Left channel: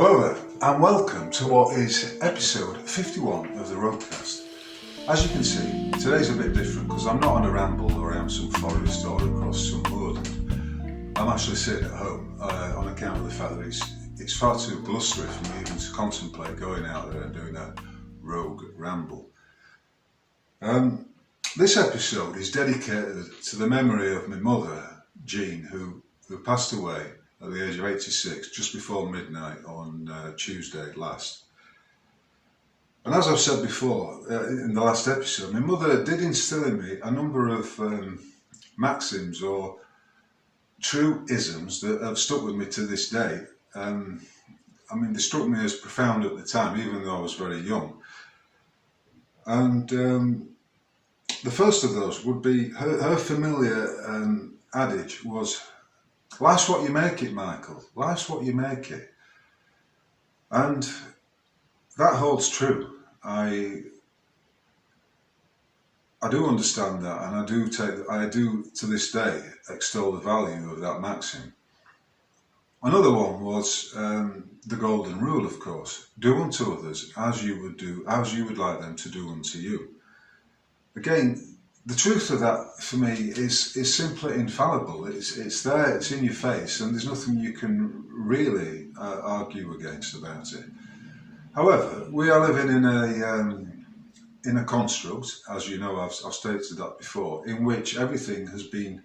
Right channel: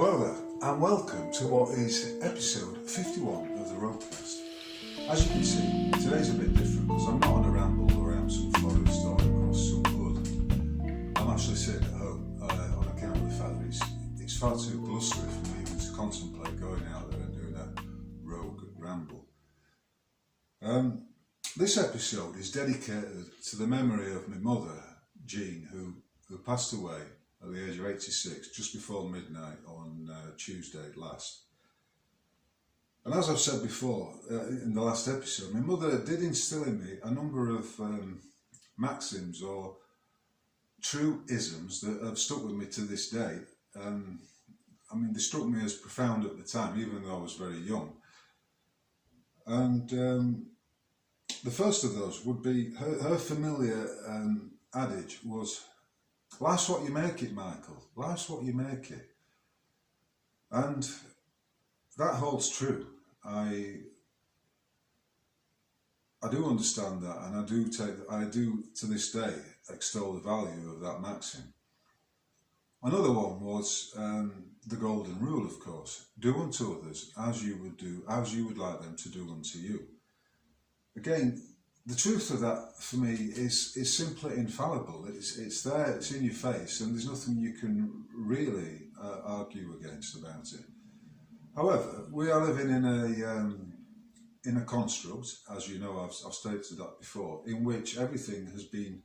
Hello there, and welcome to what is episode 51 of the Roadcast. As you can see, today's a bit different because I'm not on a ramble around some forest or across some wood. I'm actually sitting at home on account of the fact that it's far too blustery for me even to contemplate going out there and doing a rogue ramble. This episode is dedicated to the memory of my mother, Jean, who passed away at the age of 86, just before midnight on Tuesday last. And as I've said before, in the last episode, my mother did instill in me a number of maxims or true isms that have stuck with me to this day. They struck me as profound at the time, even though I was very young. And the first of those would be her familiar adage was, "Life's what you make it, Michael. Life's what you make it." And that holds true. I do understand that, and I do to this day extol the value of that maxim. Another one was the golden rule, of course: do unto others as you would like them to do unto you. Again, the truth of that for me is simply infallible. It's there, it's in your face, and there's nothing you can really argue against about it. However, we are living in a construct, as you know, I've stated that before, in which everything has been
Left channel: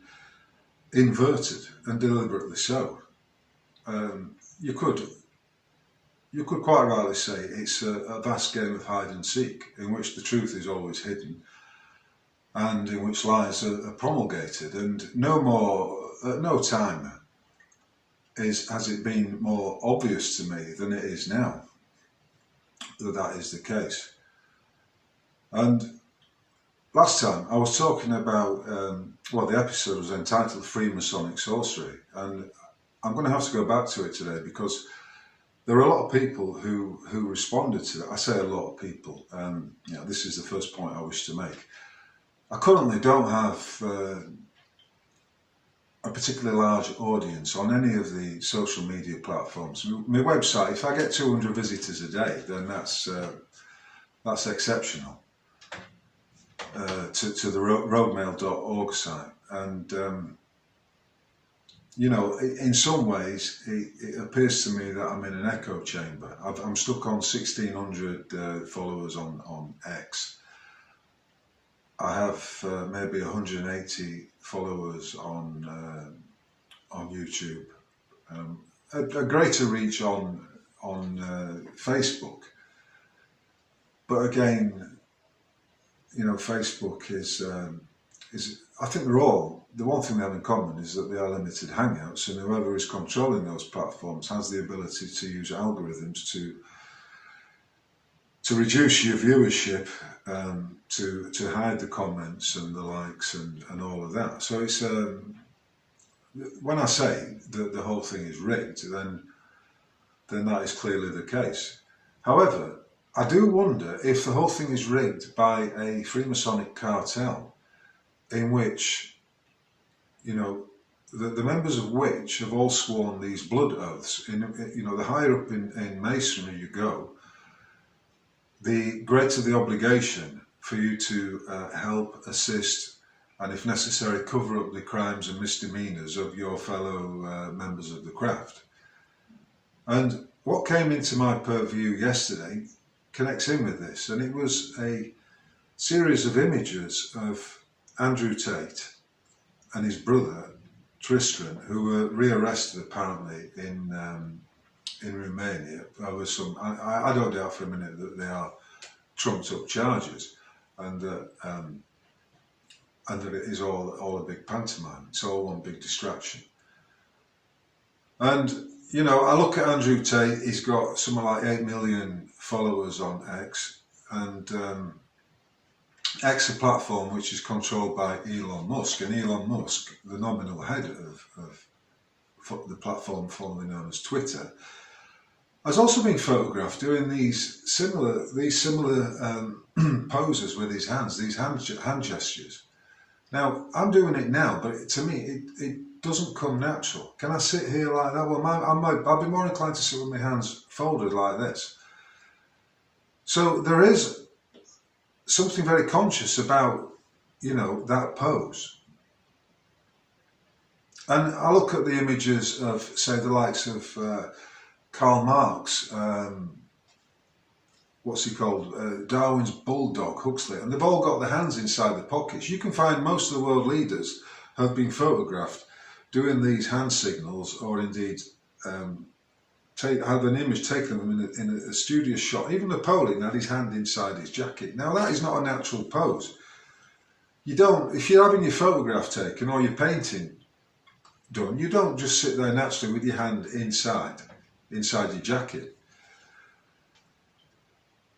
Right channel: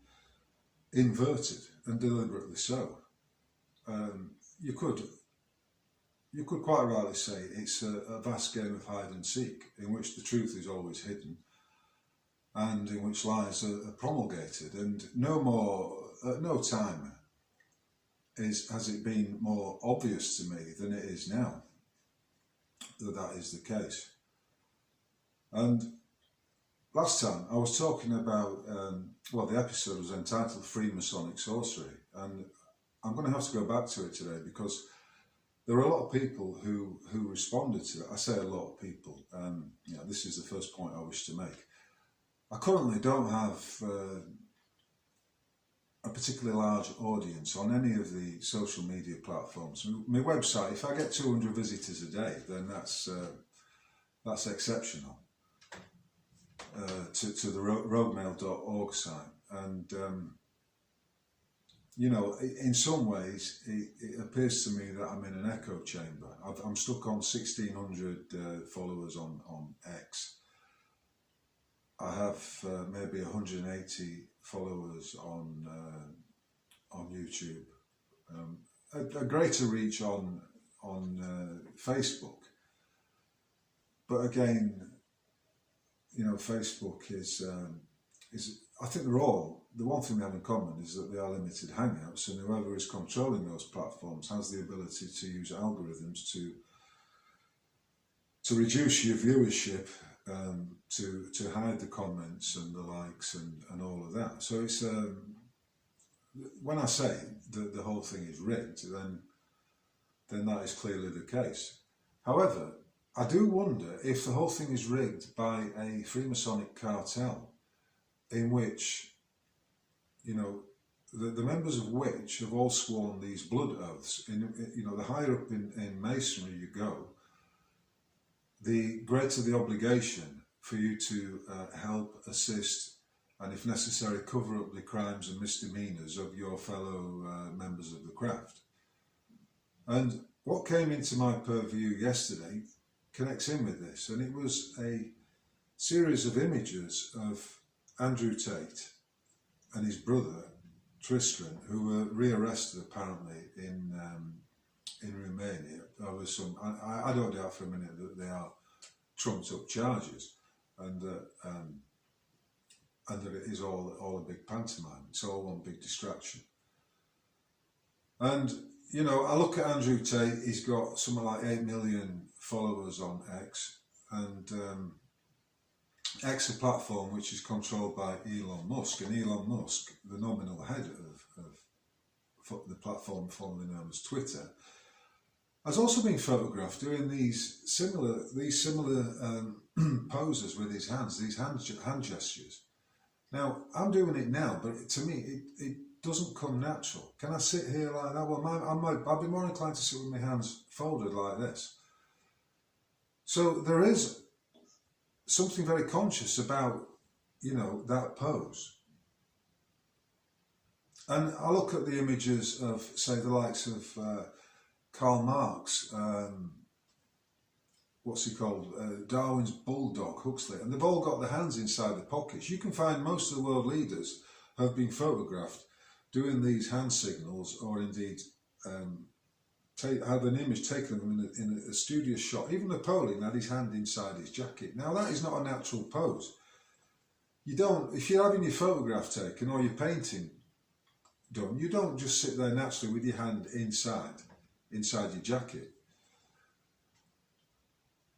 inverted, and deliberately so. You could quite rightly say it's a vast game of hide and seek, in which the truth is always hidden, and in which lies are promulgated, and at no time has it been more obvious to me than it is now that is the case. And last time I was talking about, the episode was entitled Freemasonic Sorcery, and I'm going to have to go back to it today because there are a lot of people who responded to it. I say a lot of people, this is the first point I wish to make. I currently don't have a particularly large audience on any of the social media platforms. My website, if I get 200 visitors a day, then that's exceptional to the roadmail.org site. And, in some ways, it appears to me that I'm in an echo chamber. I'm stuck on 1,600 followers on X. I have maybe 180 followers on YouTube, a greater reach on Facebook. But again, Facebook is I think the one thing they have in common is that they are limited hangouts, and whoever is controlling those platforms has the ability to use algorithms to reduce your viewership, to hide the comments and the likes and all of that. So it's when I say that the whole thing is rigged, then that is clearly the case. However, I do wonder if the whole thing is rigged by a Freemasonic cartel, in which, the members of which have all sworn these blood oaths. The higher up in Masonry you go, the greater the obligation for you to help, assist, and if necessary cover up the crimes and misdemeanours of your fellow members of the craft. And what came into my purview yesterday connects in with this, and it was a series of images of Andrew Tate and his brother Tristan, who were rearrested apparently in Romania over some. I don't doubt for a minute that they are trumped up charges, and that it is all a big pantomime. It's all one big distraction. And I look at Andrew Tate. He's got something like 8 million followers on X, and X, a platform which is controlled by Elon Musk, and Elon Musk, the nominal head of the platform formerly known as Twitter, has also been photographed doing these similar poses with his hands, these hand gestures. Now, I'm doing it now, but to me, doesn't come natural. Can I sit here like that? Well, I'll be more inclined to sit with my hands folded like this. So there is something very conscious about, that pose. And I look at the images of, say, the likes of Karl Marx, what's he called? Darwin's bulldog, Huxley, and they've all got their hands inside the pockets. You can find most of the world leaders have been photographed doing these hand signals, or indeed have an image taken of them in a studious shot. Even Napoleon had his hand inside his jacket. Now that is not a natural pose. If you're having your photograph taken or your painting done, you don't just sit there naturally with your hand inside your jacket.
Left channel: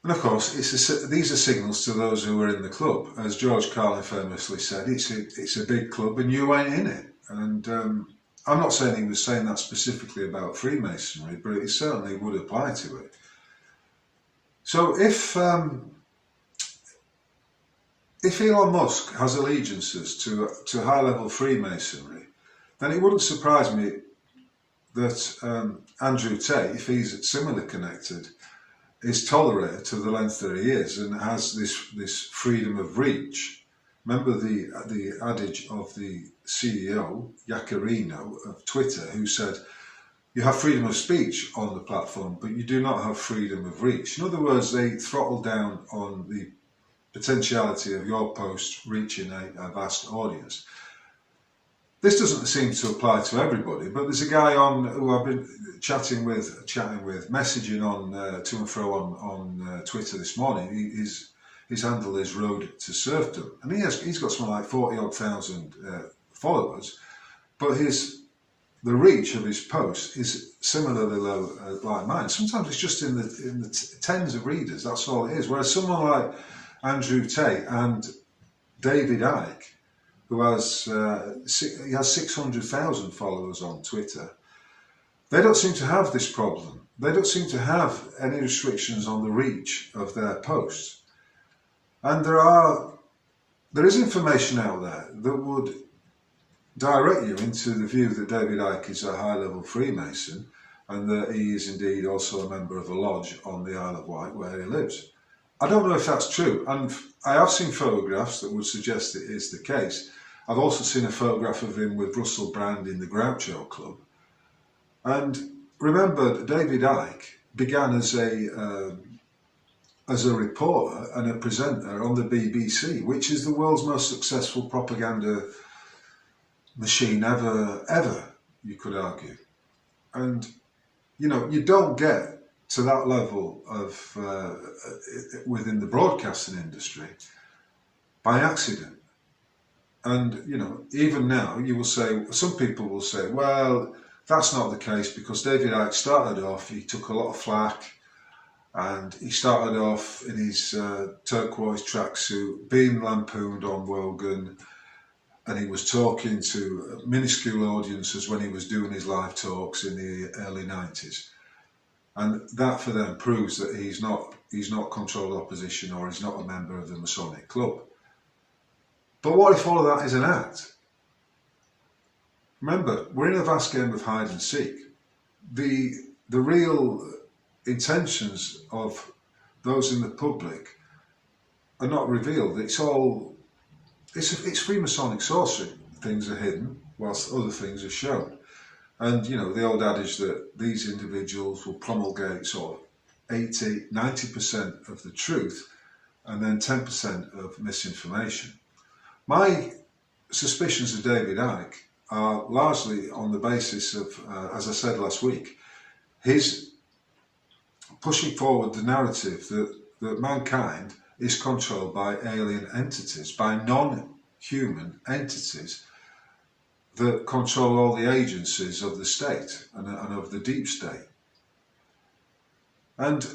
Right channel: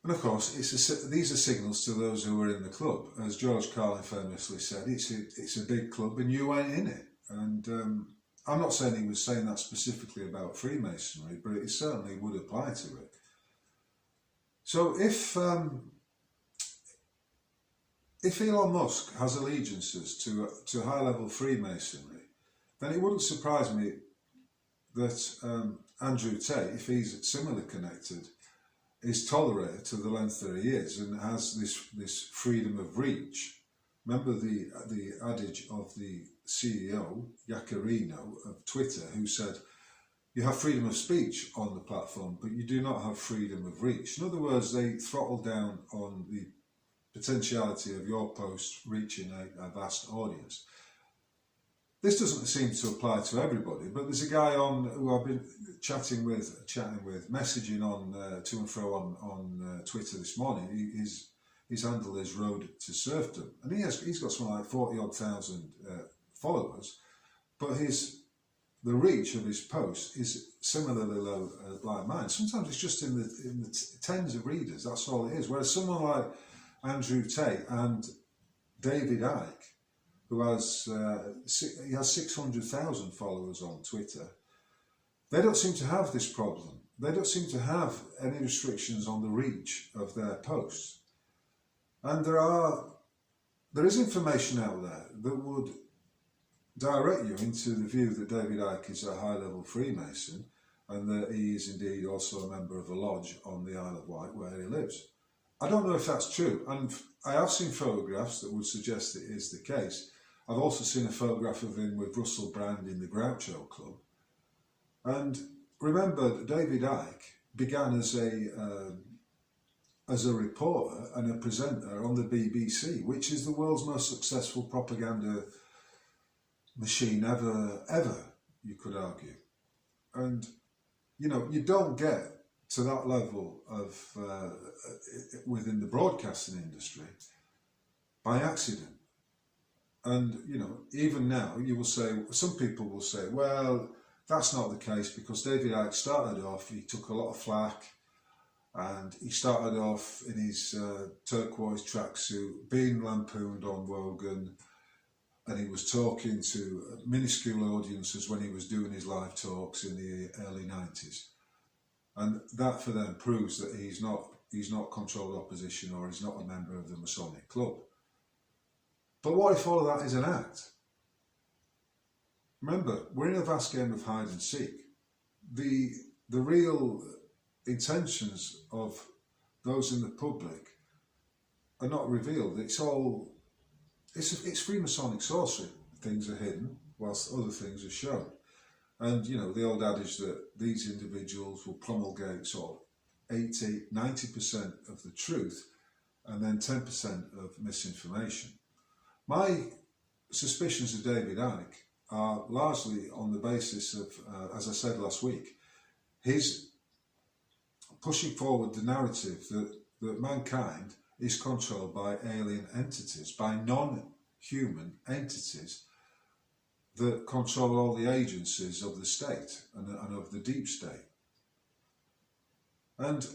And of course, these are signals to those who are in the club. As George Carlin famously said, it's a big club and you ain't in it. And I'm not saying he was saying that specifically about Freemasonry, but it certainly would apply to it. So if Elon Musk has allegiances to high-level Freemasonry, then it wouldn't surprise me that Andrew Tate, if he's similarly connected, is tolerated to the length that he is and has this freedom of reach. Remember the adage of the CEO, Yaccarino, of Twitter, who said, you have freedom of speech on the platform, but you do not have freedom of reach. In other words, they throttle down on the potentiality of your post reaching a vast audience. This doesn't seem to apply to everybody, but there's a guy who I've been chatting with, messaging on to and fro on Twitter this morning. His handle is Road to Serfdom, and he's got something like 40,000 followers, but the reach of his post is similarly low like mine. Sometimes it's just in the tens of readers. That's all it is. Whereas someone like Andrew Tate and David Icke, who has 600,000 followers on Twitter, they don't seem to have this problem. They don't seem to have any restrictions on the reach of their posts. And there is information out there that would direct you into the view that David Icke is a high-level Freemason and that he is indeed also a member of a lodge on the Isle of Wight where he lives. I don't know if that's true, and I have seen photographs that would suggest it is the case. I've also seen a photograph of him with Russell Brand in the Groucho Club. And remember, David Icke began as a reporter and a presenter on the BBC, which is the world's most successful propaganda machine ever, you could argue. And, you don't get to that level of within the broadcasting industry by accident. And, even now you will say, some people will say, well, that's not the case because David Icke started off, he took a lot of flack, and he started off in his turquoise tracksuit, being lampooned on Wogan, and he was talking to minuscule audiences when he was doing his live talks in the early 90s. And that for them proves that he's not controlled opposition, or he's not a member of the Masonic Club. But what if all of that is an act? Remember, we're in a vast game of hide and seek. The real intentions of those in the public are not revealed. It's Freemasonic sorcery. Things are hidden whilst other things are shown. And, the old adage that these individuals will promulgate sort of 80-90% of the truth and then 10% of misinformation. My suspicions of David Icke are largely on the basis of, as I said last week, his pushing forward the narrative that mankind is controlled by alien entities, by non-human entities that control all the agencies of the state and of the deep state. And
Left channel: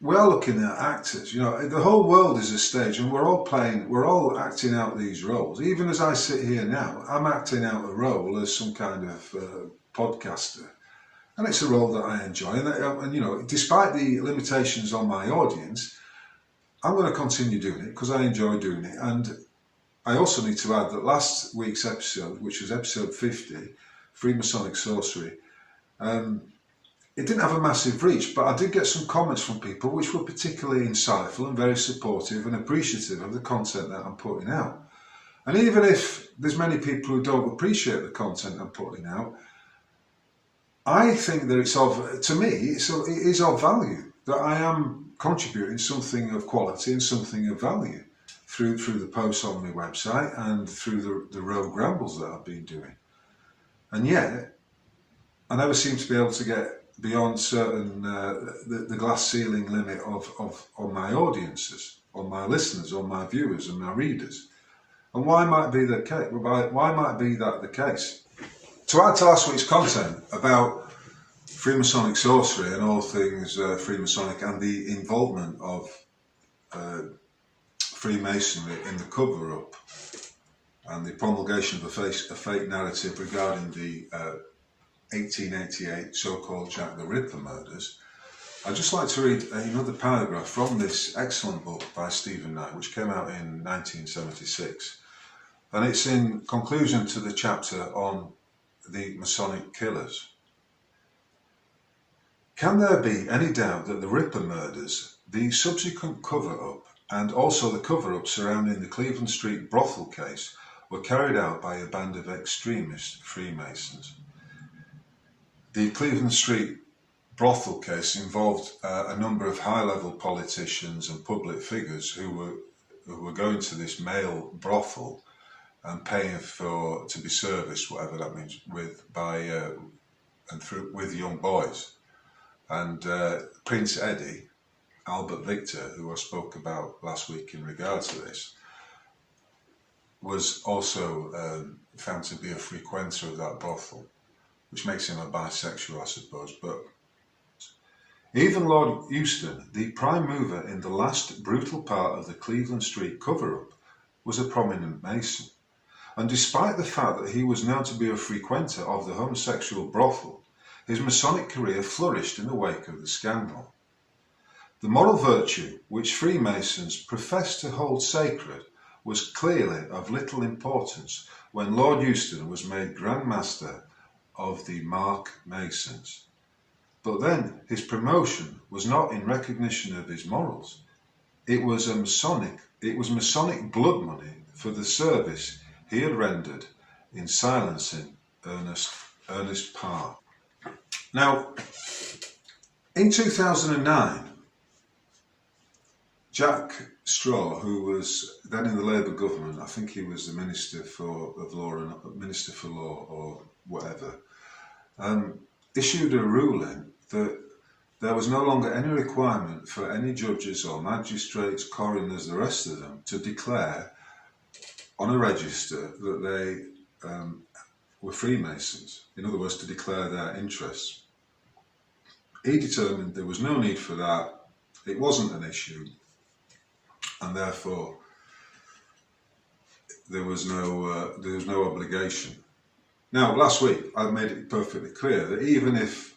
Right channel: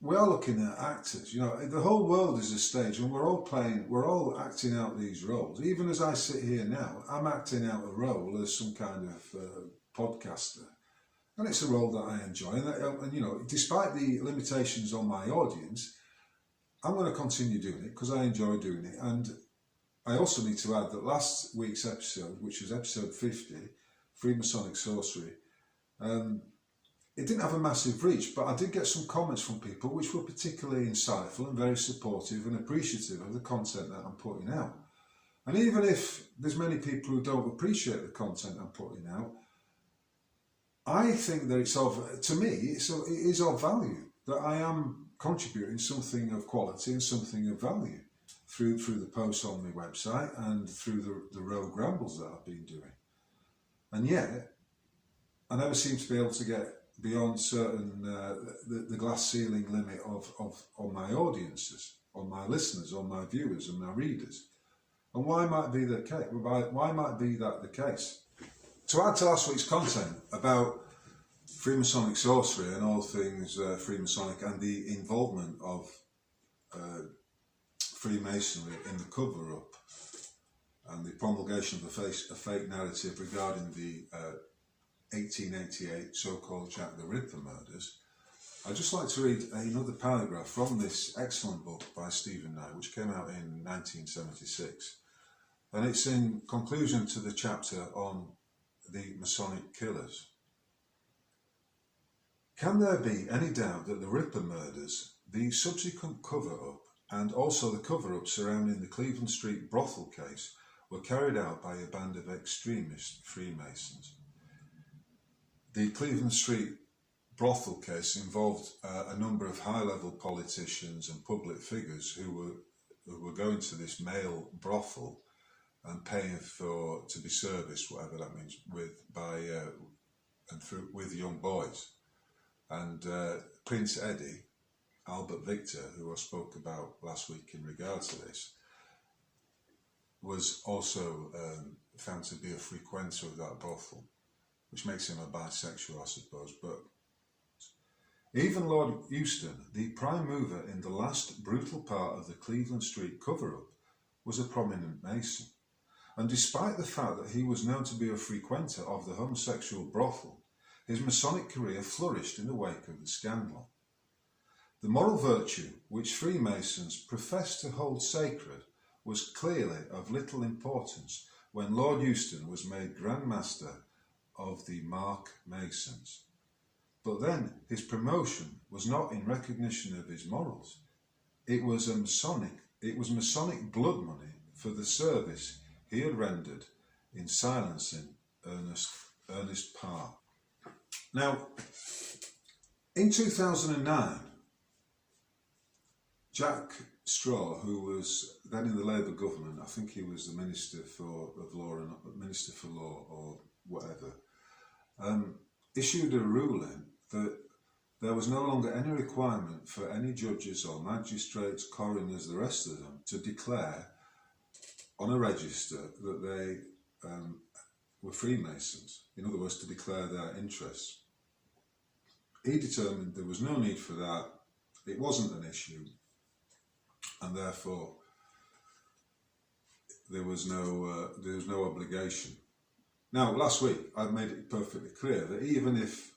we are looking at actors, the whole world is a stage and we're all acting out these roles. Even as I sit here now, I'm acting out a role as some kind of podcaster. And it's a role that I enjoy. And despite the limitations on my audience, I'm going to continue doing it because I enjoy doing it. And I also need to add that last week's episode, which was episode 50, Freemasonic Sorcery, it didn't have a massive reach, but I did get some comments from people which were particularly insightful and very supportive and appreciative of the content that I'm putting out. And even if there's many people who don't appreciate the content I'm putting out, I think that it is of value, that I am contributing something of quality and something of value through the posts on my website and through the rogue rambles that I've been doing. And yet, I never seem to be able to get beyond certain the glass ceiling limit on my audiences, on my listeners, on my viewers and my readers. And why might be the case? Why might be that the case? To add to last week's content about Freemasonic sorcery and all things Freemasonic and the involvement of Freemasonry in the cover-up and the promulgation of a fake narrative regarding the 1888 so-called Jack the Ripper murders, I'd just like to read another paragraph from this excellent book by Stephen Knight, which came out in 1976. And it's in conclusion to the chapter on the Masonic killers. Can there be any doubt that the Ripper murders, the subsequent cover-up, and also the cover-up surrounding the Cleveland Street brothel case were carried out by a band of extremist Freemasons? The Cleveland Street brothel case involved a number of high-level politicians and public figures who were going to this male brothel and paying to be serviced, whatever that means, with young boys. And Prince Eddie, Albert Victor, who I spoke about last week in regard to this, was also found to be a frequenter of that brothel, which makes him a bisexual, I suppose. But even Lord Euston, the prime mover in the last brutal part of the Cleveland Street cover-up, was a prominent Mason. And despite the fact that he was known to be a frequenter of the homosexual brothel, his Masonic career flourished in the wake of the scandal. The moral virtue which Freemasons professed to hold sacred was clearly of little importance when Lord Euston was made Grand Master of the Mark Masons. But then his promotion was not in recognition of his morals. It was Masonic blood money for the service he had rendered in silencing Ernest Parr. Now, in 2009, Jack Straw, who was then in the Labour government, I think he was the Minister for Law or whatever, issued a ruling that there was no longer any requirement for any judges or magistrates, coroners, the rest of them, to declare on a register that they were Freemasons. In other words, to declare their interests. He determined there was no need for that, it wasn't an issue, and therefore there was no obligation. Now, last week I made it perfectly clear that even if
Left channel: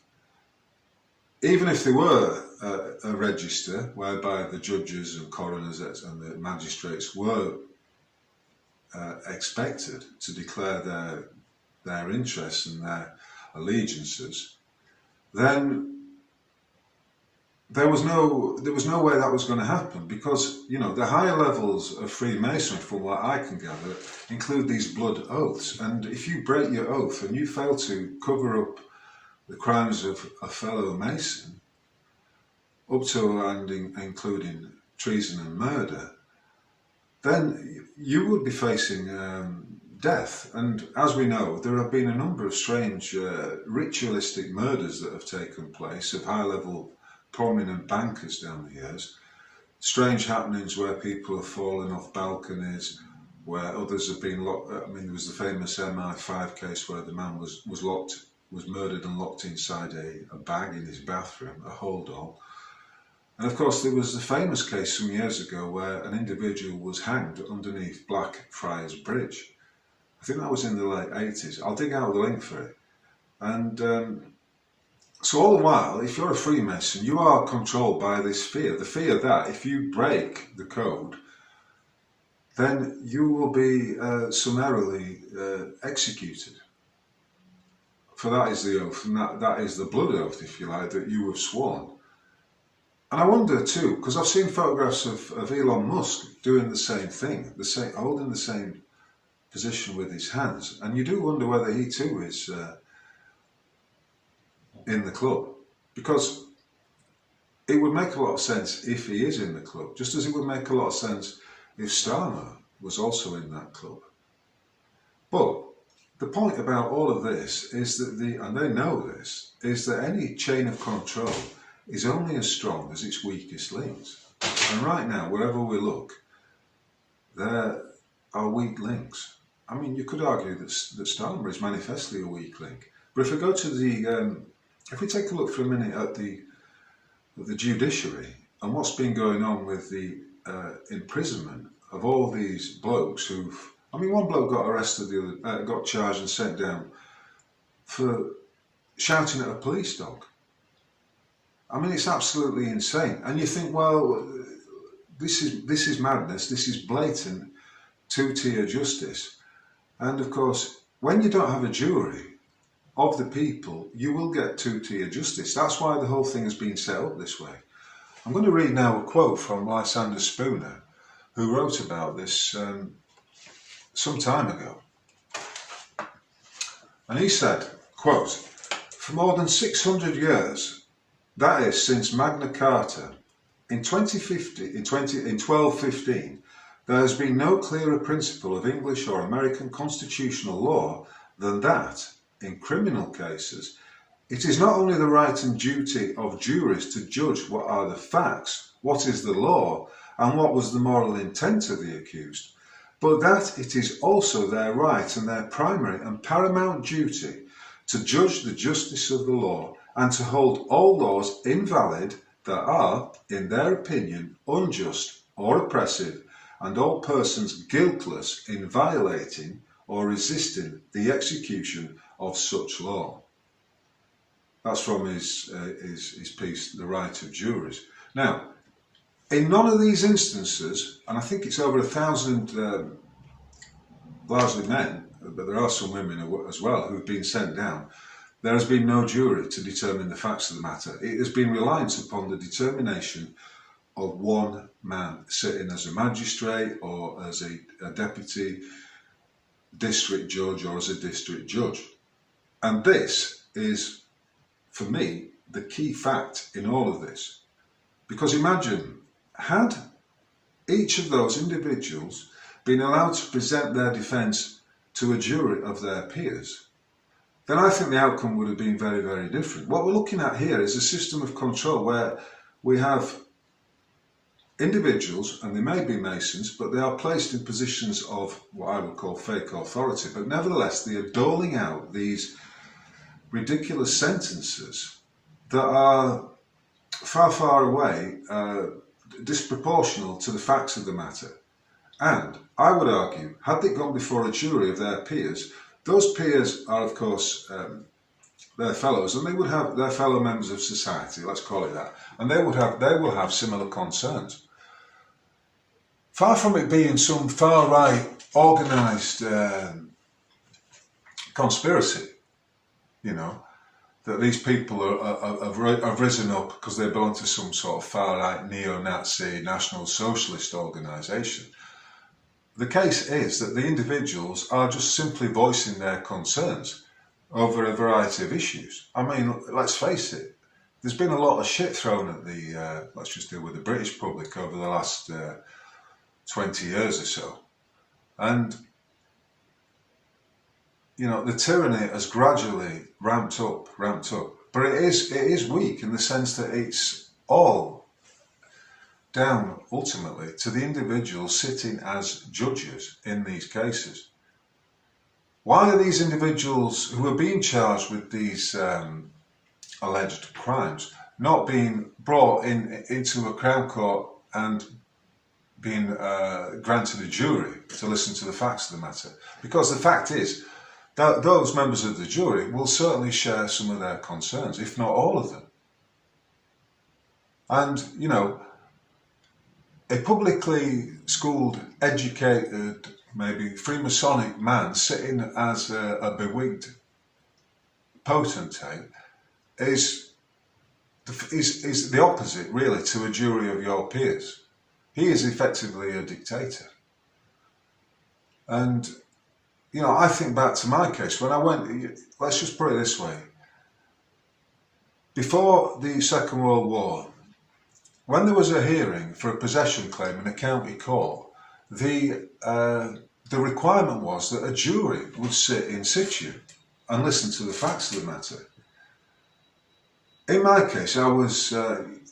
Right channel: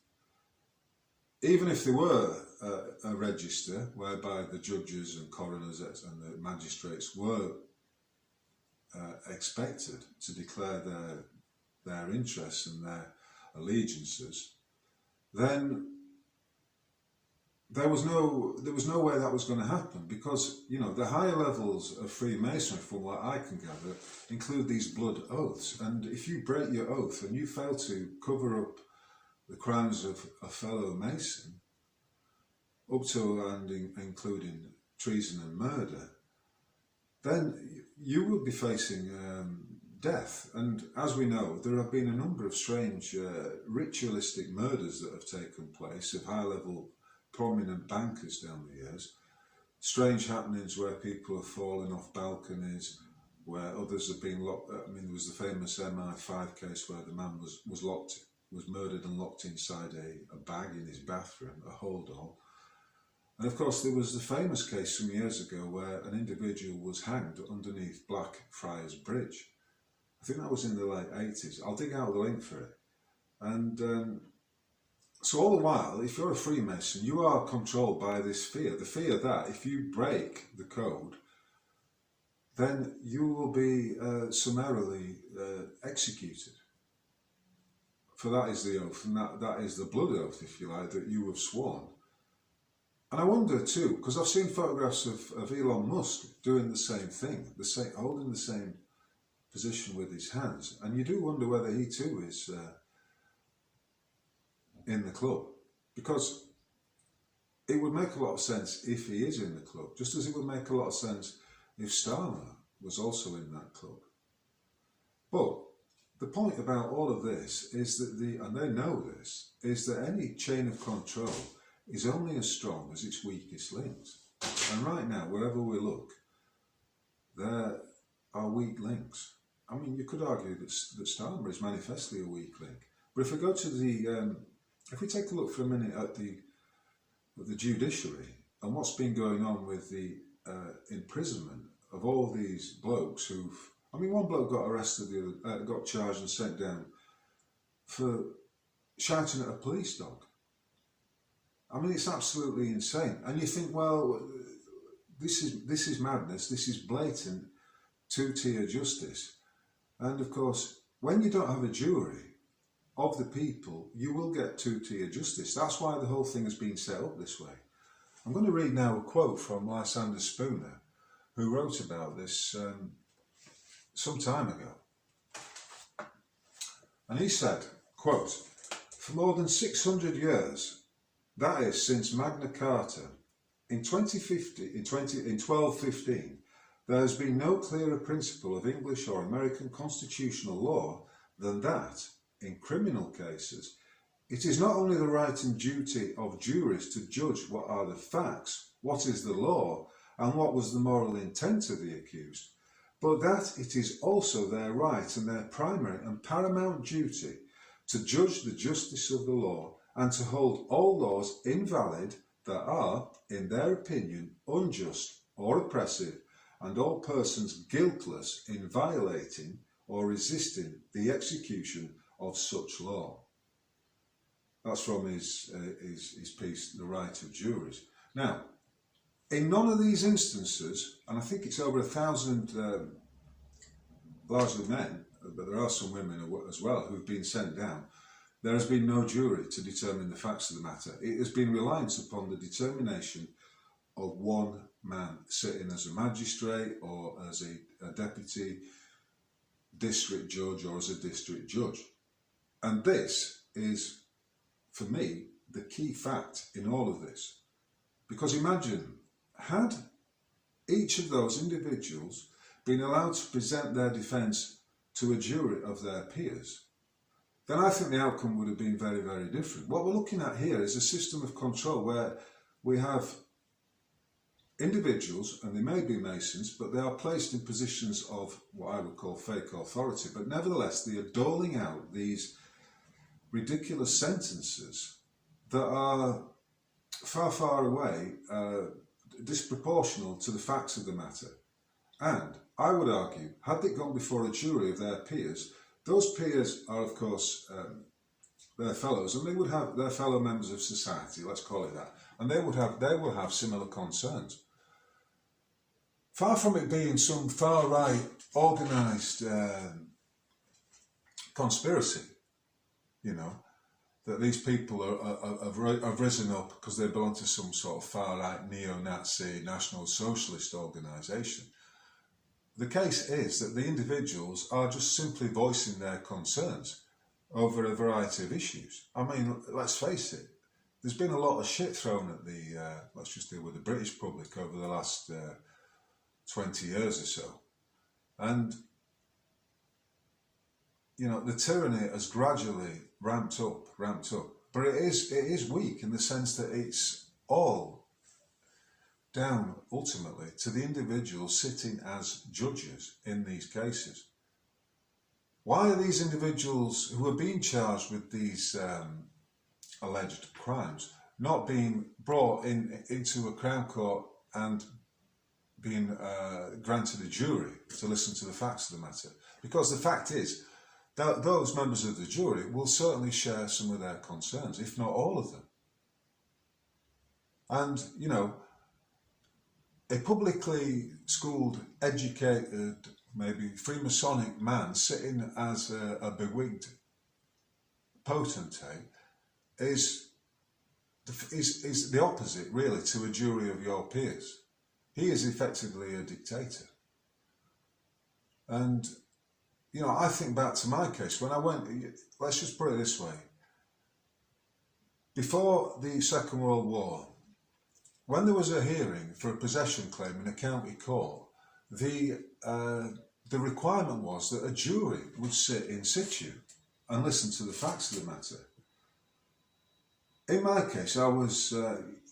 there were a register whereby the judges and coroners and the magistrates were expected to declare their interests and their allegiances, then there was no way that was going to happen, because the higher levels of Freemasonry, from what I can gather, include these blood oaths, and if you break your oath and you fail to cover up the crimes of a fellow Mason, up to and including treason and murder, then you would be facing death. And as we know, there have been a number of strange ritualistic murders that have taken place of high-level prominent bankers down the years. Strange happenings where people have fallen off balconies, where others have been locked. I mean, there was the famous MI5 case where the man was murdered and locked inside a bag in his bathroom, a hold-all. And of course, there was the famous case some years ago where an individual was hanged underneath Blackfriars Bridge. I think that was in the late 80s. I'll dig out the link for it. And so all the while, if you're a Freemason, you are controlled by this fear. The fear that if you break the code, then you will be summarily executed. For that is the oath, and that is the blood oath, if you like, that you have sworn. And I wonder too, because I've seen photographs of Elon Musk doing the same thing, holding the same position with his hands, and you do wonder whether he too is in the club, because it would make a lot of sense if he is in the club, just as it would make a lot of sense if Starmer was also in that club. But the point about all of this is that and they know this, is that any chain of control is only as strong as its weakest links. And right now, wherever we look, there are weak links. I mean, you could argue that Starmer is manifestly a weak link. But if we go to if we take a look for a minute at the judiciary and what's been going on with the imprisonment of all these blokes one bloke got arrested, got charged and sent down for shouting at a police dog. I mean, it's absolutely insane. And you think, well, this is madness. This is blatant two-tier justice. And of course, when you don't have a jury of the people, you will get two-tier justice. That's why the whole thing has been set up this way. I'm going to read now a quote from Lysander Spooner, who wrote about this some time ago. And he said, quote, "For more than 600 years, that is since Magna Carta, in 1215, there has been no clearer principle of English or American constitutional law than that, in criminal cases, it is not only the right and duty of juries to judge what are the facts, what is the law, and what was the moral intent of the accused, but that it is also their right and their primary and paramount duty to judge the justice of the law and to hold all laws invalid that are, in their opinion, unjust or oppressive, and all persons guiltless in violating or resisting the execution of such law." That's from his piece, The Right of Juries. Now, in none of these instances, and I think it's over 1,000 largely men, but there are some women as well who've been sent down, there has been no jury to determine the facts of the matter. It has been reliant upon the determination of one man sitting as a magistrate or as a deputy district judge or as a district judge. And this is, for me, the key fact in all of this. Because imagine, had each of those individuals been allowed to present their defence to a jury of their peers, then I think the outcome would have been very, very different. What we're looking at here is a system of control where we have individuals, and they may be Masons, but they are placed in positions of what I would call fake authority, but nevertheless they are doling out these ridiculous sentences that are far, far away disproportional to the facts of the matter. And I would argue, had it gone before a jury of their peers, those peers are, of course, their fellows, and they would have their fellow members of society, let's call it that, and they will have similar concerns. Far from it being some far-right organised conspiracy, that these people have risen up because they belong to some sort of far-right neo-Nazi National Socialist organisation. The case is that the individuals are just simply voicing their concerns over a variety of issues. I mean, let's face it, there's been a lot of shit thrown at let's just deal with the British public over the last 20 years or so. And, the tyranny has gradually ramped up. But it is weak in the sense that it's all down ultimately to the individuals sitting as judges in these cases. Why are these individuals who are being charged with these alleged crimes not being brought into a Crown Court and being granted a jury to listen to the facts of the matter? Because the fact is that those members of the jury will certainly share some of their concerns, if not all of them. And, a publicly schooled, educated, maybe Freemasonic man sitting as a bewigged potentate is the opposite, really, to a jury of your peers. He is effectively a dictator. And, you know, I think back to my case when I went, let's just put it this way. Before the Second World War, when there was a hearing for a possession claim in a county court, the requirement was that a jury would sit in situ and listen to the facts of the matter. In my case, I was,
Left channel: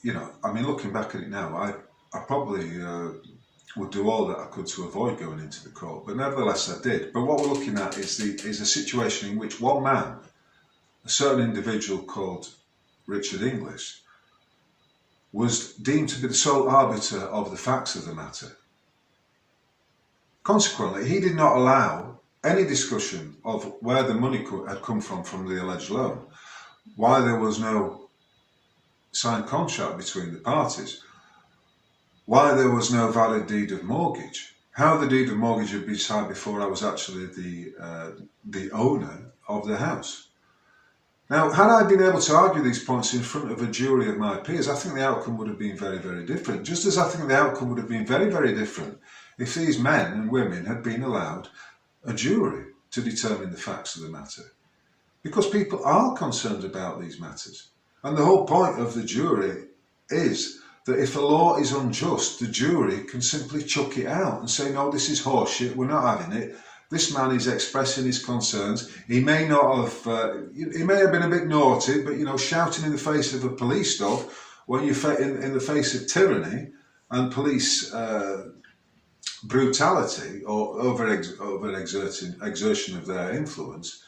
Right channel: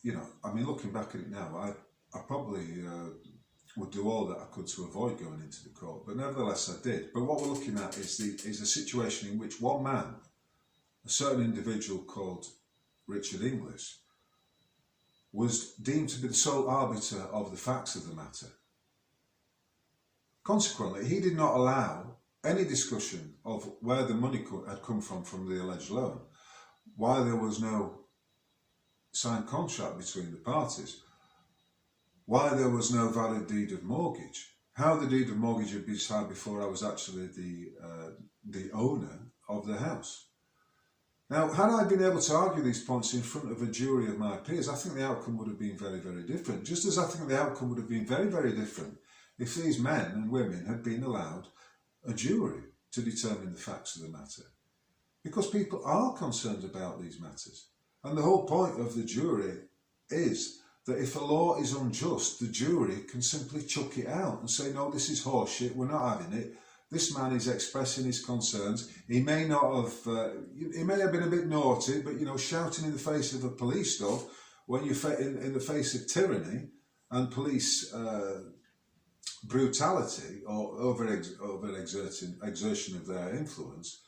you know, I mean, looking back at it now, I probably would do all that I could to avoid going into the court, but nevertheless I did. But what we're looking at is a situation in which one man, a certain individual called Richard Inglis, was deemed to be the sole arbiter of the facts of the matter. Consequently, he did not allow any discussion of where the money had come from the alleged loan, why there was no signed contract between the parties, why there was no valid deed of mortgage, how the deed of mortgage had been signed before I was actually the owner of the house. Now, had I been able to argue these points in front of a jury of my peers, I think the outcome would have been very, very different. Just as I think the outcome would have been very, very different if these men and women had been allowed a jury to determine the facts of the matter. Because people are concerned about these matters. And the whole point of the jury is that if a law is unjust, the jury can simply chuck it out and say, no, this is horseshit, we're not having it. This man is expressing his concerns. He may not have, he may have been a bit naughty, but, you know, shouting in the face of a police dog when you're in the face of tyranny and police brutality or exertion of their influence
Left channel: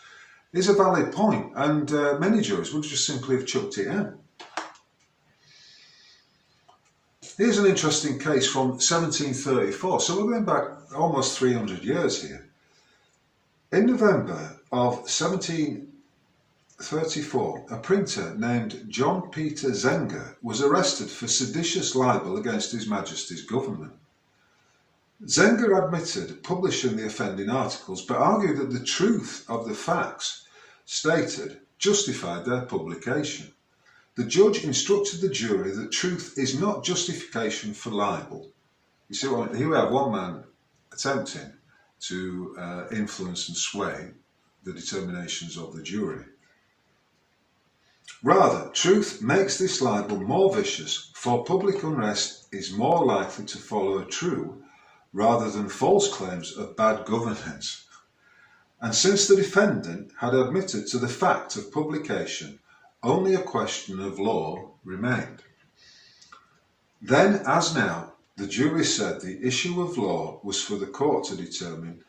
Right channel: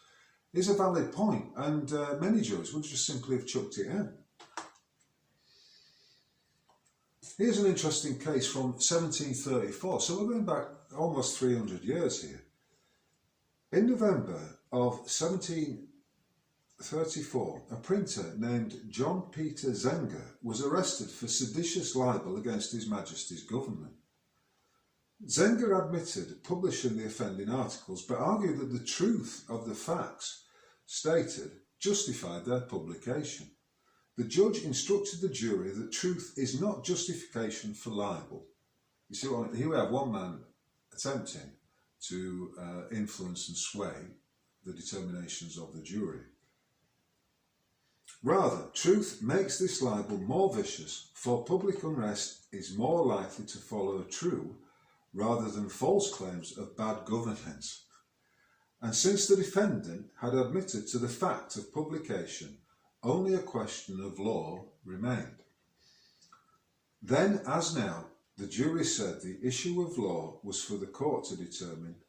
is a valid point, and many jurors would just simply have chucked it out. Here's an interesting case from 1734, so we're going back almost 300 years here. In November of 1734, a printer named John Peter Zenger was arrested for seditious libel against His Majesty's government. Zenger admitted publishing the offending articles, but argued that the truth of the facts stated justified their publication. The judge instructed the jury that truth is not justification for libel. You see, here we have one man attempting to influence and sway the determinations of the jury. Rather, truth makes this libel more vicious, for public unrest is more likely to follow a true rather than false claims of bad governance. And since the defendant had admitted to the fact of publication, only a question of law remained. Then, as now, the jury said the issue of law was for the court to determine.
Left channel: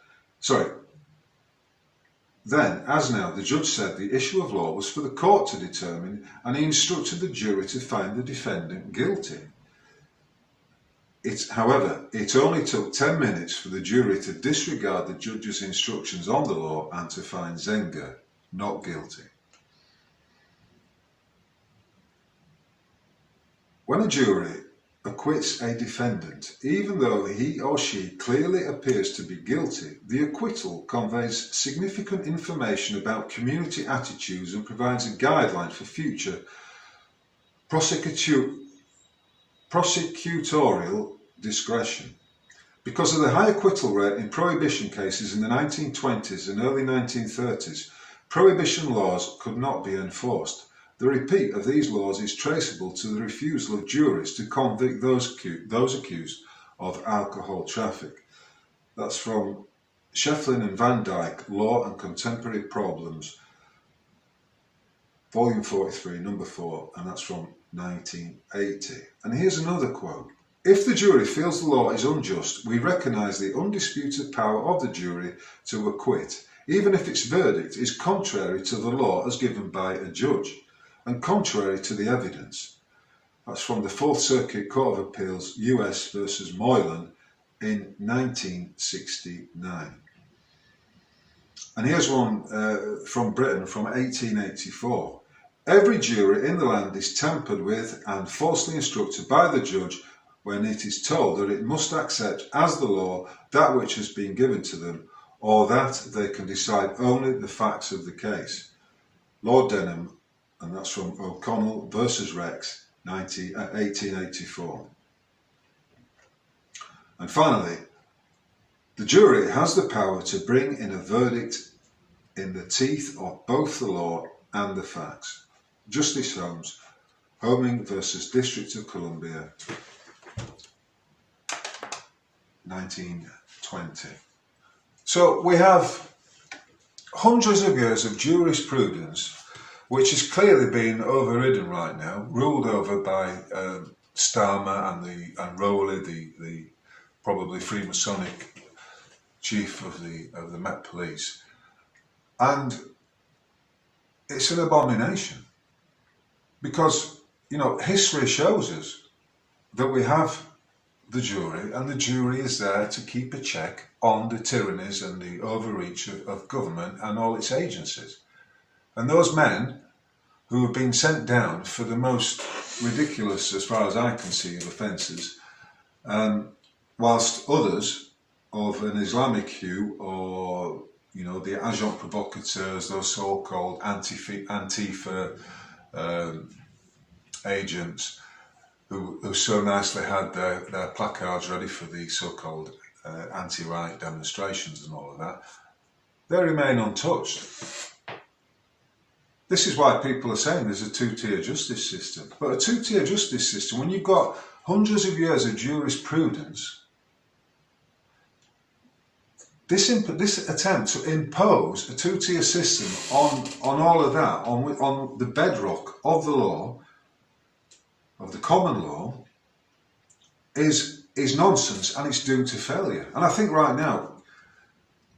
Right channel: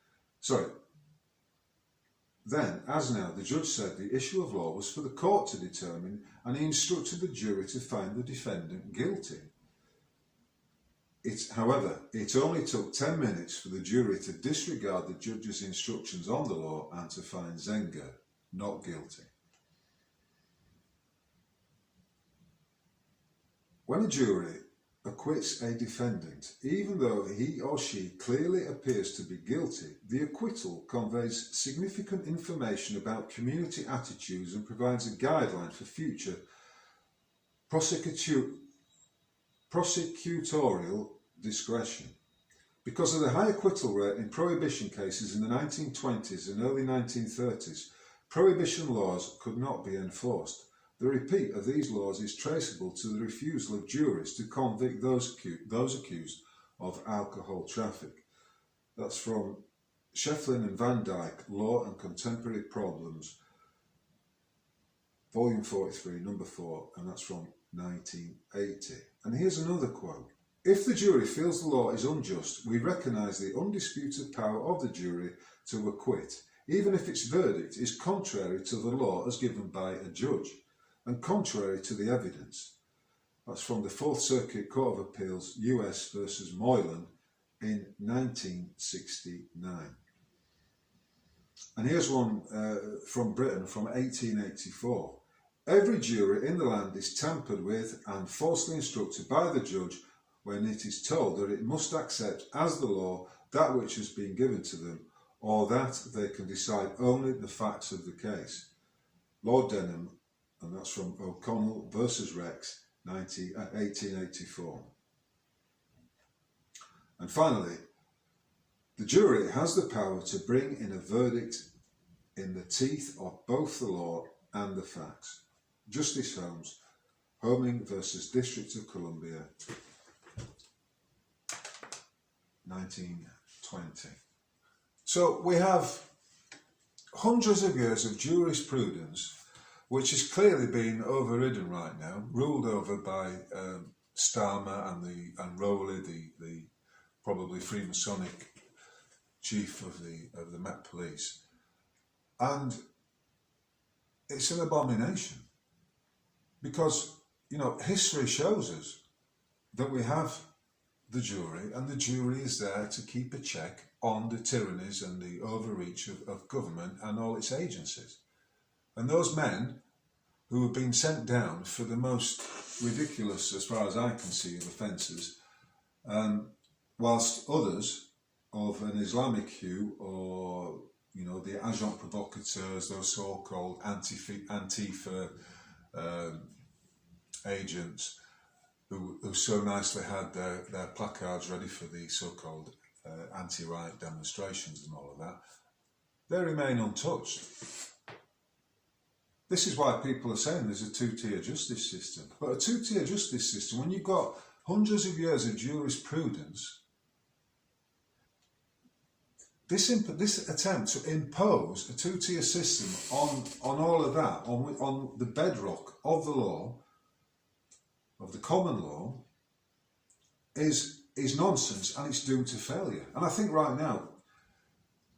Then, as now, the judge said the issue of law was for the court to determine, and he instructed the jury to find the defendant guilty. However, it only took 10 minutes for the jury to disregard the judge's instructions on the law and to find Zenger not guilty. When a jury acquits a defendant, even though he or she clearly appears to be guilty, the acquittal conveys significant information about community attitudes and provides a guideline for future prosecutorial discretion. Because of the high acquittal rate in prohibition cases in the 1920s and early 1930s, prohibition laws could not be enforced. The repeat of these laws is traceable to the refusal of juries to convict those accused of alcohol traffic. That's from Shefflin and Van Dyke, Law and Contemporary Problems, Volume 43, Number 4, and that's from 1980. And here's another quote. If the jury feels the law is unjust, we recognise the undisputed power of the jury to acquit, even if its verdict is contrary to the law as given by a judge, and contrary to the evidence. That's from the Fourth Circuit Court of Appeals, US versus Moylan in 1969. And here's one from Britain from 1884. Every jury in the land is tampered with and falsely instructed by the judge when it is told that it must accept as the law that which has been given to them, or that they can decide only the facts of the case. Lord Denham, and that's from O'Connell versus Rex, 1884. And finally, the jury has the power to bring in a verdict in the teeth of both the law and the facts. Justice Holmes, Homing versus District of Columbia, 1920. So we have hundreds of years of jurisprudence which is clearly being overridden right now, ruled over by Starmer and Rowley, the probably Freemasonic chief of the Met Police. And it's an abomination because, you know, history shows us that we have the jury, and the jury is there to keep a check on the tyrannies and the overreach of government and all its agencies. And those men who have been sent down for the most ridiculous, as far as I can see, of offences, whilst others of an Islamic hue, or, you know, the agents provocateurs, those so-called Antifa agents, who so nicely had their placards ready for the so-called anti-riot demonstrations and all of that, they remain untouched. This is why people are saying there's a two-tier justice system. But a two-tier justice system, when you've got hundreds of years of jurisprudence, this attempt to impose a two-tier system on all of that, on the bedrock of the law, of the common law, is nonsense, and it's doomed to failure. And I think right now,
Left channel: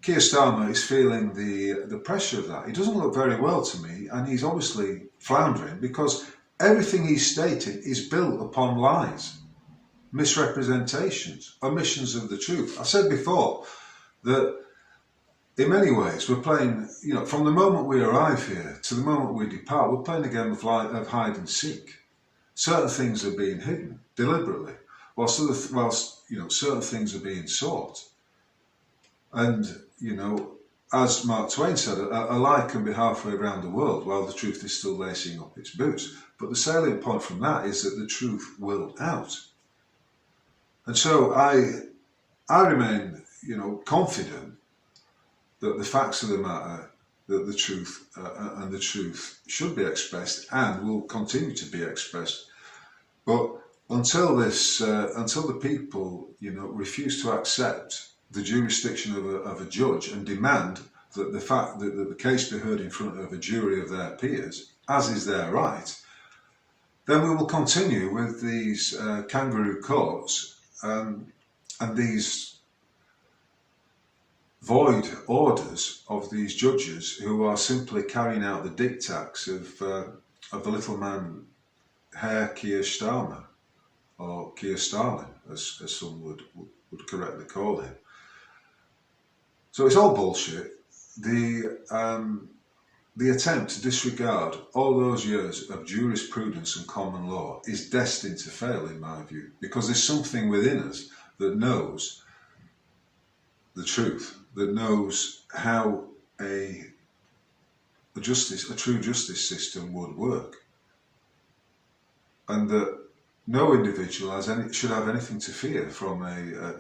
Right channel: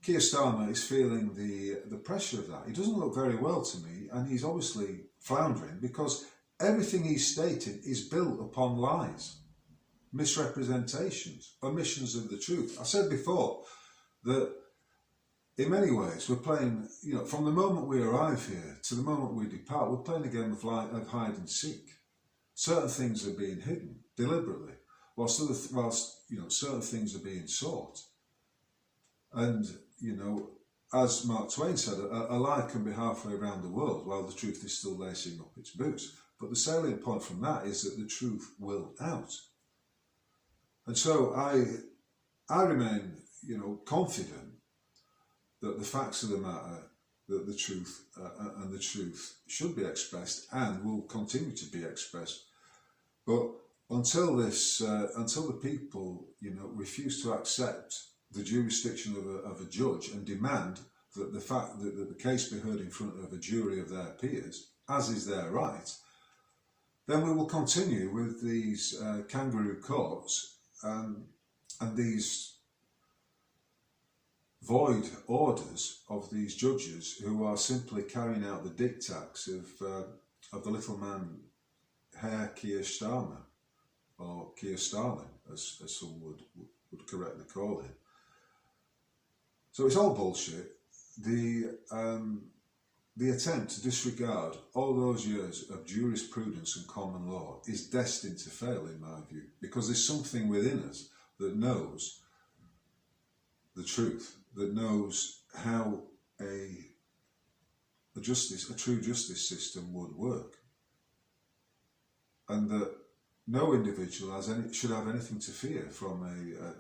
Keir Starmer is feeling the pressure of that. He doesn't look very well to me, and he's obviously floundering because everything he's stated is built upon lies, misrepresentations, omissions of the truth. I said before that in many ways we're playing, you know, from the moment we arrive here to the moment we depart, we're playing a game of hide and seek. Certain things are being hidden deliberately, whilst you know, certain things are being sought. And, you know, as Mark Twain said, a lie can be halfway around the world while the truth is still lacing up its boots. But the salient point from that is that the truth will out. And so I remain, you know, confident that the facts of the matter, that the truth and the truth should be expressed and will continue to be expressed. But until the people, you know, refuse to accept the jurisdiction of a judge and demand that the case be heard in front of a jury of their peers, as is their right, then we will continue with these kangaroo courts and these void orders of these judges who are simply carrying out the diktats of the little man Herr Keir Starmer, or Keir Starlin, as some would correctly call him. So it's all bullshit. The attempt to disregard all those years of jurisprudence and common law is destined to fail, in my view, because there's something within us that knows the truth, that knows how a true justice system would work, and that no individual should have anything to fear from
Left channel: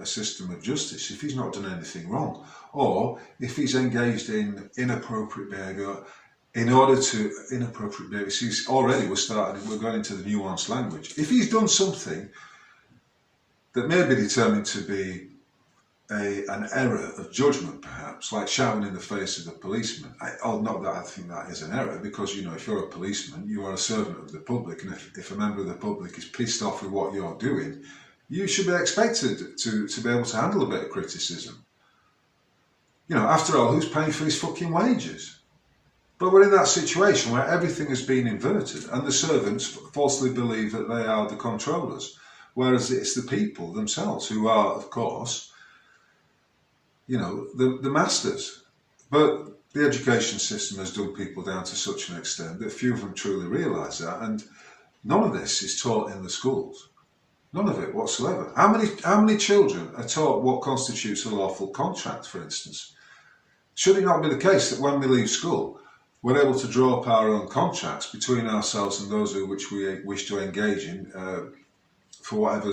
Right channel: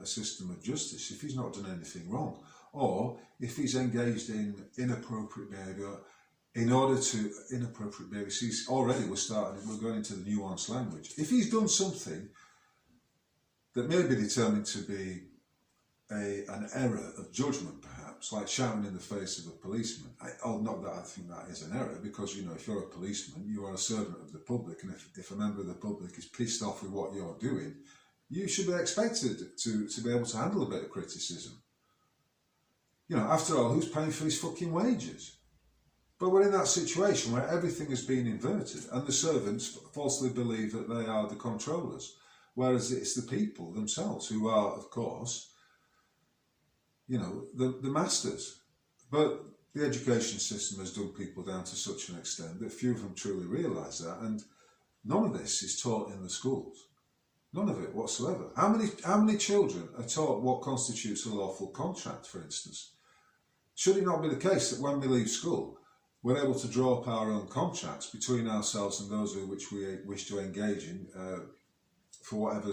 a system of justice if he's not done anything wrong, or if he's engaged in inappropriate behaviour. Inappropriate behaviour. See, already we're going into the nuanced language. If he's done something that may be determined to be an error of judgment, perhaps, like shouting in the face of a policeman. Not that I think that is an error, because, you know, if you're a policeman, you are a servant of the public, and if a member of the public is pissed off with what you're doing, you should be expected to be able to handle a bit of criticism. You know, after all, who's paying for his fucking wages? But we're in that situation where everything has been inverted, and the servants falsely believe that they are the controllers, whereas it's the people themselves who are, of course, you know, the masters. But the education system has done people down to such an extent that few of them truly realise that, and none of this is taught in the schools. None of it whatsoever. How many children are taught what constitutes a lawful contract, for instance? Should it not be the case that when we leave school, we're able to draw up our own contracts between ourselves and those which we wish to engage in for whatever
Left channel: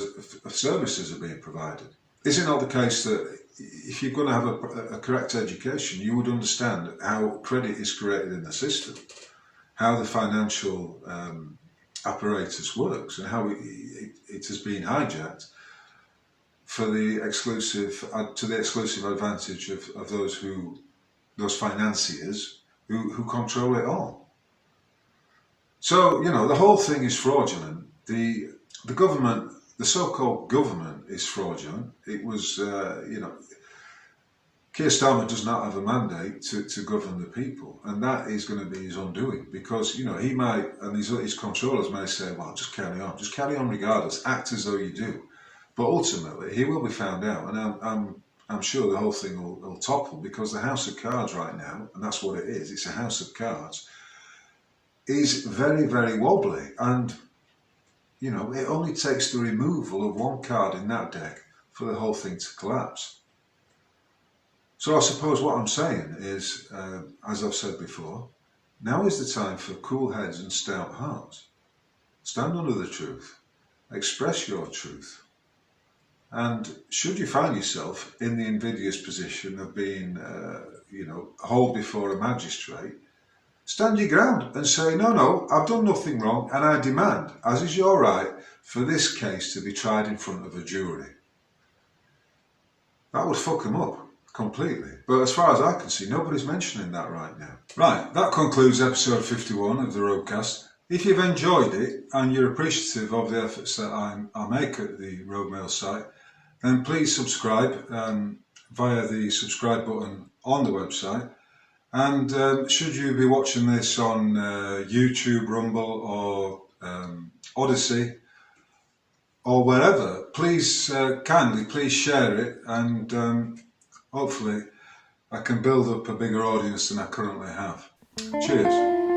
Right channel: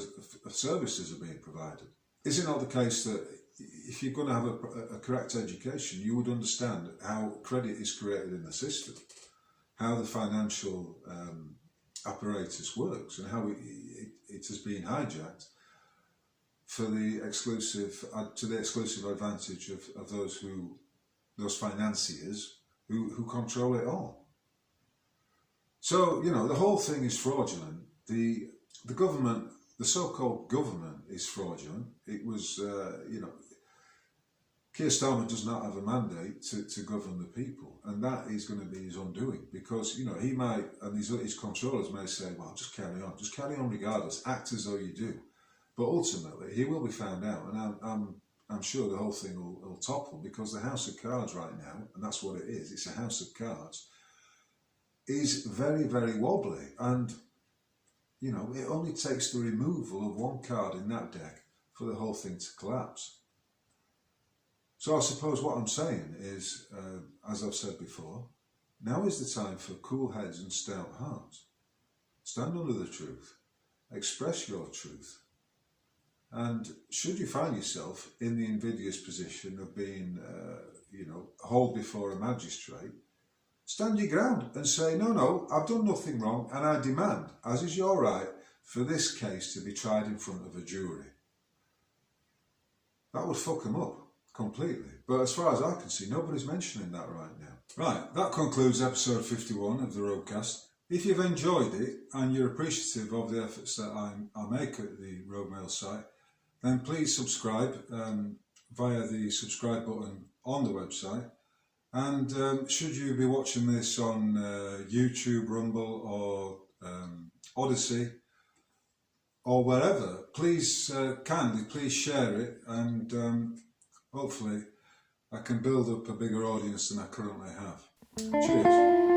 services are being provided? Is it not the case that if you're going to have a correct education, you would understand how credit is created in the system, how the financial apparatus works, and how it has been hijacked for the exclusive to the exclusive advantage of those financiers who control it all. So, you know, the whole thing is fraudulent. The government, the so-called government, is fraudulent. It was, you know, Keir Starmer does not have a mandate to govern the people, and that is going to be his undoing, because, you know, he might, and his controllers may say, well, just carry on regardless, act as though you do. But ultimately, he will be found out, and I'm sure the whole thing will topple, because the House of Cards right now, and that's what it is, it's a House of Cards, is very, very wobbly, and, you know, it only takes the removal of one card in that deck for the whole thing to collapse. So I suppose what I'm saying is, as I've said before, now is the time for cool heads and stout hearts. Stand under the truth, express your truth, and should you find yourself in the invidious position of being, you know, hauled before a magistrate, stand your ground and say, no, I've done nothing wrong, and I demand, as is your right, for this case to be tried in front of a jury. That would fuck them up completely. But as far as I can see, nobody's mentioning that right now. Right, that concludes episode 51 of the Roadcast. If you've enjoyed it and you're appreciative of the efforts that I make at the Road Mail site, then please subscribe via the subscribe button on the website. And should you be watching this on YouTube, Rumble, or Odyssey, or wherever, please kindly share it, and hopefully I can build up a bigger audience than I currently have. Cheers.